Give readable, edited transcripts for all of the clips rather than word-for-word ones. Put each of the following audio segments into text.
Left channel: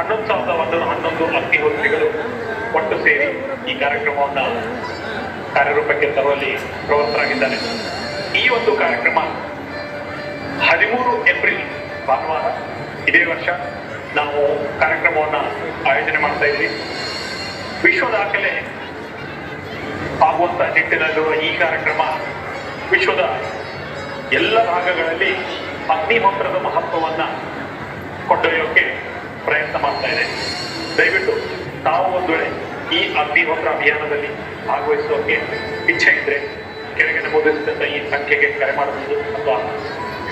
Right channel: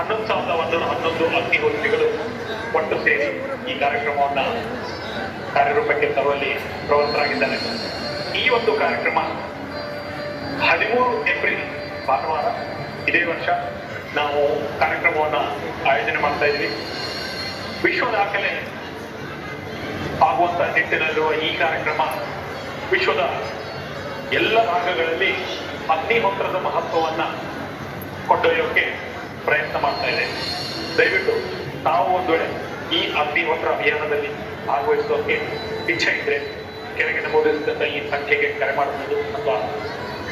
11,111 ಅಗ್ನಿಹೋತ್ರಿಗಳು ಒಟ್ಟು ಸೇರಿ ಈ ಕಾರ್ಯಕ್ರಮವನ್ನು ಕಾರ್ಯರೂಪಕ್ಕೆ ತರುವಲ್ಲಿ ಪ್ರವೃತ್ತರಾಗಿದ್ದಾರೆ. ಈ ಒಂದು ಕಾರ್ಯಕ್ರಮ 13 ಏಪ್ರಿಲ್ ಭಾನುವಾರ ಇದೇ ವರ್ಷ ನಾವು ಕಾರ್ಯಕ್ರಮವನ್ನು ಆಯೋಜನೆ ಮಾಡ್ತಾ ಇದ್ವಿ. ವಿಶ್ವ ದಾಖಲೆ ಆಗುವಂತ ನಿಟ್ಟಿನಲ್ಲಿರುವ ಈ ಕಾರ್ಯಕ್ರಮ ವಿಶ್ವದ ಎಲ್ಲ ಭಾಗಗಳಲ್ಲಿ ಅಗ್ನಿಹೋತ್ರದ ಮಹತ್ವವನ್ನ ಕೊಂಡೊಯ್ಯೋಕೆ ಪ್ರಯತ್ನ ಮಾಡ್ತಾ ಇದೆ. ದಯವಿಟ್ಟು ತಾವು ಒಂದು ವೇಳೆ ಈ ಅಗ್ನಿಹೋತ್ರ ಅಭಿಯಾನದಲ್ಲಿ ಭಾಗವಹಿಸೋಕೆ ಇಚ್ಛೆ ಇದ್ರೆ ಕೆಳಗೆ ನಮೂದಿಸಿದಂತ ಈ ಸಂಖ್ಯೆಗೆ ಕರೆ ಮಾಡಬಹುದು ಅಥವಾ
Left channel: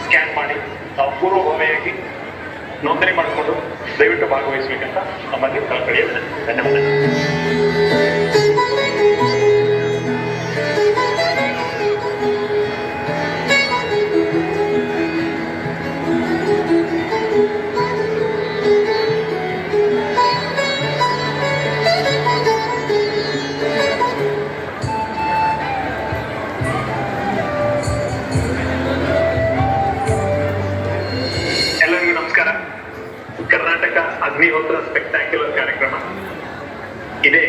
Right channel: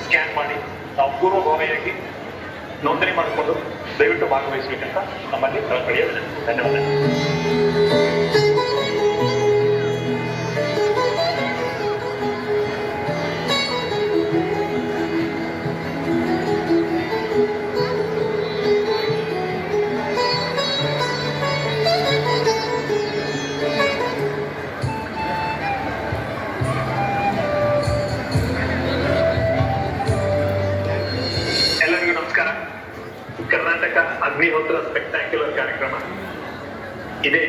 ಸ್ಕ್ಯಾನ್ ಮಾಡಿ ನಾವು ಪೂರ್ವಭಾವಿಯಾಗಿ ನೋಂದಣಿ ಮಾಡಿಕೊಂಡು ದಯವಿಟ್ಟು ಭಾಗವಹಿಸಬೇಕಂತ ನಮ್ಮಲ್ಲಿ ಕಳಕಳಿಯ ಧನ್ಯವಾದ. ಕರ್ನಾಟಕ ಅಗ್ನಿಹೋತ್ರ ಸ್ಪೆಕ್ಟಾಕ್ಯುಲರ್ ಕಾರ್ಯಕ್ರಮ ಇದೇ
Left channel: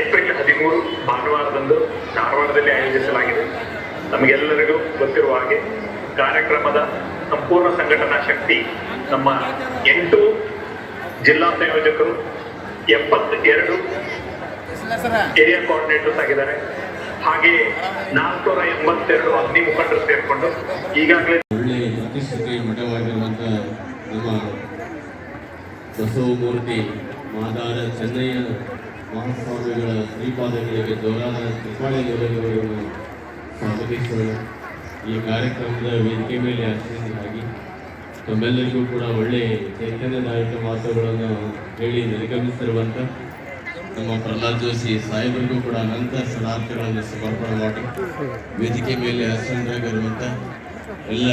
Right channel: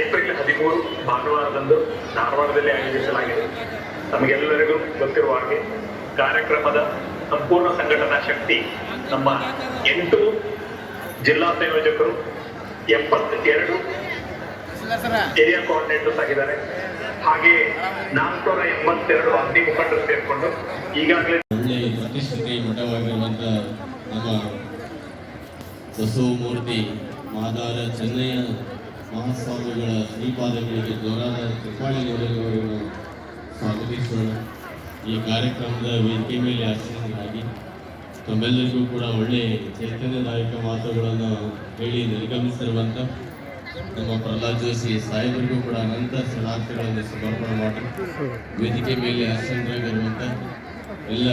ಏಪ್ರಿಲ್ 13 ಭಾನುವಾರದಂದು ಧಾರವಾಡದಲ್ಲಿ ಆಯೋಜಿಸಲಾಗಿದೆ. ನಮಗೆಲ್ಲರಿಗೂ ಗೊತ್ತಿರುವ ಹಾಗೆ ಕಾರ್ಯಕ್ರಮದ ಸಂಪೂರ್ಣ ಸಂಘಟನಾ ಶಕ್ತಿ ನಮ್ಮ 8 ಜಿಲ್ಲಾ ಸಂಯೋಜಕರು, 72 ಏರಿಯಾ ಕೋಆರ್ಡಿನೇಟರ್ಸ್ ಆಗಿದ್ದಾರೆ. ಹಾಗೆಯೇ 482 ಅಗ್ನಿ ಮುಖಂಡರು ಸೇರಿಕೊಂಡು ಈಗಾಗಲೇ ನಮ್ಮ ಬಸವಮೂರ್ತಿ ಮಾದಾರ ಚೆನ್ನಯ್ಯ ಮಹಾಸ್ವಾಮಿಗಳ ಶ್ರೀಪಾದಗಳಿಗೆ ಜೋರಾದ ಕೃಪಾಳಿಯವರನ್ನು ಸ್ವಾಗತಿಸೋಣ. ಈ ಕಾರ್ಯಕ್ರಮದ ವೇದಿಕೆ ಮೇಲೆ ಆಶ್ರಯಿಸಲಾಗಿ ತಮ್ಮೆಲ್ಲರಿಗೂ ಕೂಡ ಒಳ್ಳೆಯ ಚೈತನ್ಯದಾಯಕ ಮಾತುಗಳನ್ನು ಹೇಳಿ ನಿರ್ಗಮಿಸಿರುವಂಥ ನಮ್ಮ ಪ್ರಹ್ಲಾದ್ ಜೋಶಿ ಸಾಹೇಬರಿಗೂ ಕೂಡ ಅನಂತ ಶರಣಾರ್ಥಿಗಳನ್ನು ಸಮರ್ಪಣೆ ಮಾಡಿ ವೇದಿಕೆ ಮೇಲೆ ಆಸೀನರಾಗಿರುವಂಥ ಎಲ್ಲ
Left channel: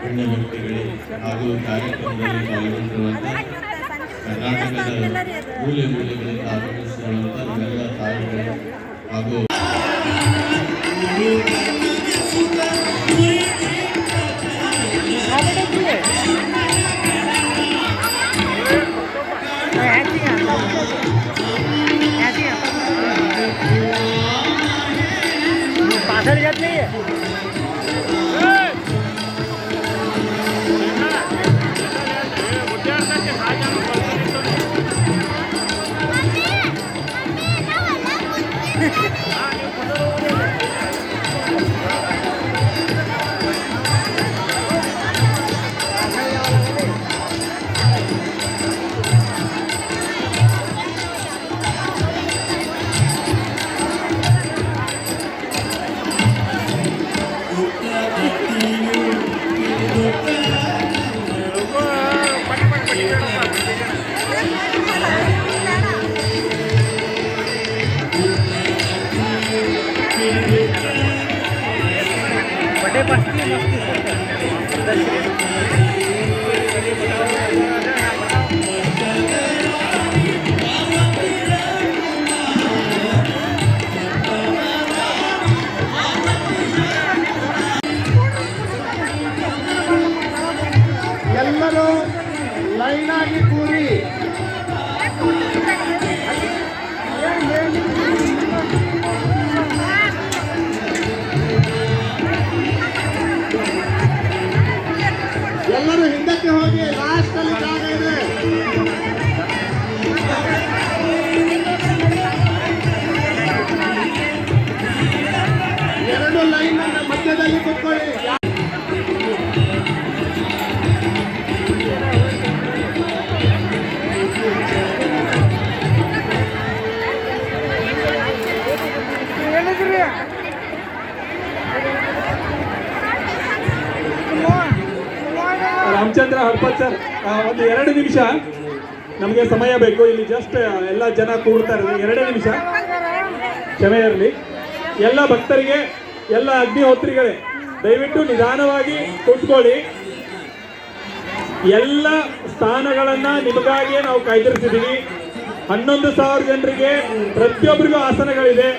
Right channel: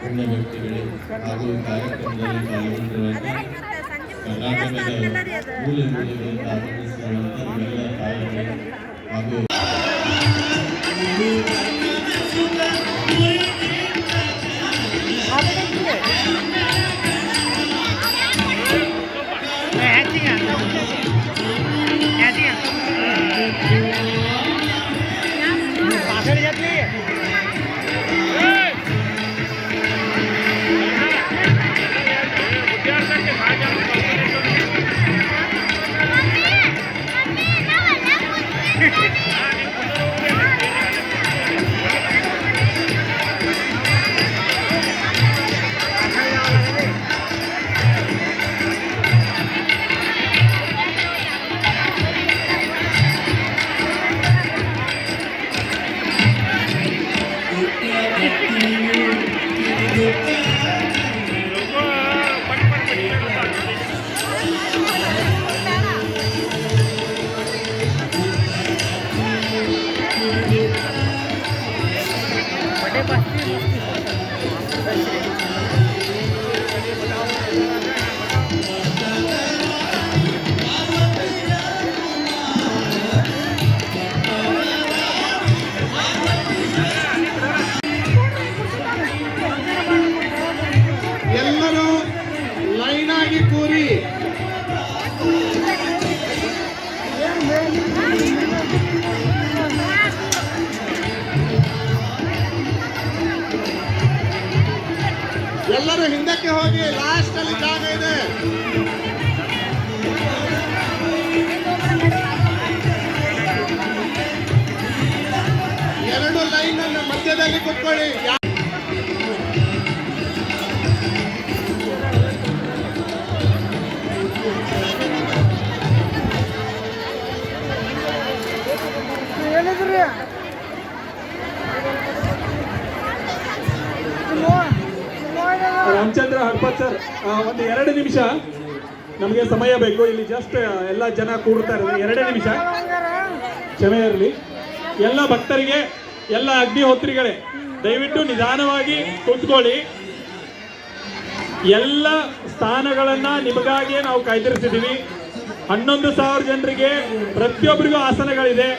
ಪುಣ್ಯ ವ್ಯಕ್ತಿಗಳು ಹಾಗೂ ಕಾರ್ಯಕ್ರಮದಲ್ಲಿ ಪಾಲ್ಗೊಂಡಿರುವಂಥ ಕರ್ನಾಟಕದ ಮೂಲೆ ಮೂಲೆಗಳಿಂದ ಆಗಮಿಸಿರುವಂಥ ನಮ್ಮೆಲ್ಲ ತಾಯಿಗಳು ಹಾಗೂ ರಾಮಚಂದ್ರ ಹಡ್ಪತ್ ಸರ್, ಒಂದು 2 ನಿಮಿಷ ನಮಗೆ ಸಮಯ ಬೇಕು. ಇಲ್ಲಿ ಜಸ್ಟ್ ಎಲ್ಲ ಜನ ಕೂಡ್ತಾರೆ, 2 ನಿಮಿಷ ಕ್ಷಮೆ ಇರಲಿ. ಎಲ್ಲ ಭಕ್ತರಿಗೆ, ಎಲ್ಲ ಅಗ್ನಿಹೋತ್ರಿಗಳೇ, ದಯವಿಟ್ಟು ನಿಧಾನವಾಗಿ ಕೂತ್ಕೊಳ್ಳಿ. ಎಲ್ಲ ಸ್ಥಾನಗಳನ್ನ ನಿಮಗಾಗಿ ನಾವು ಕಾಯ್ದಿರಿಸಿದ್ದೀವಿ. 11,000 ಜನರಿಗೆ ಪ್ರತಿಯೊಬ್ಬರಿಗೂ ಆಸನಗಳಿದೆ.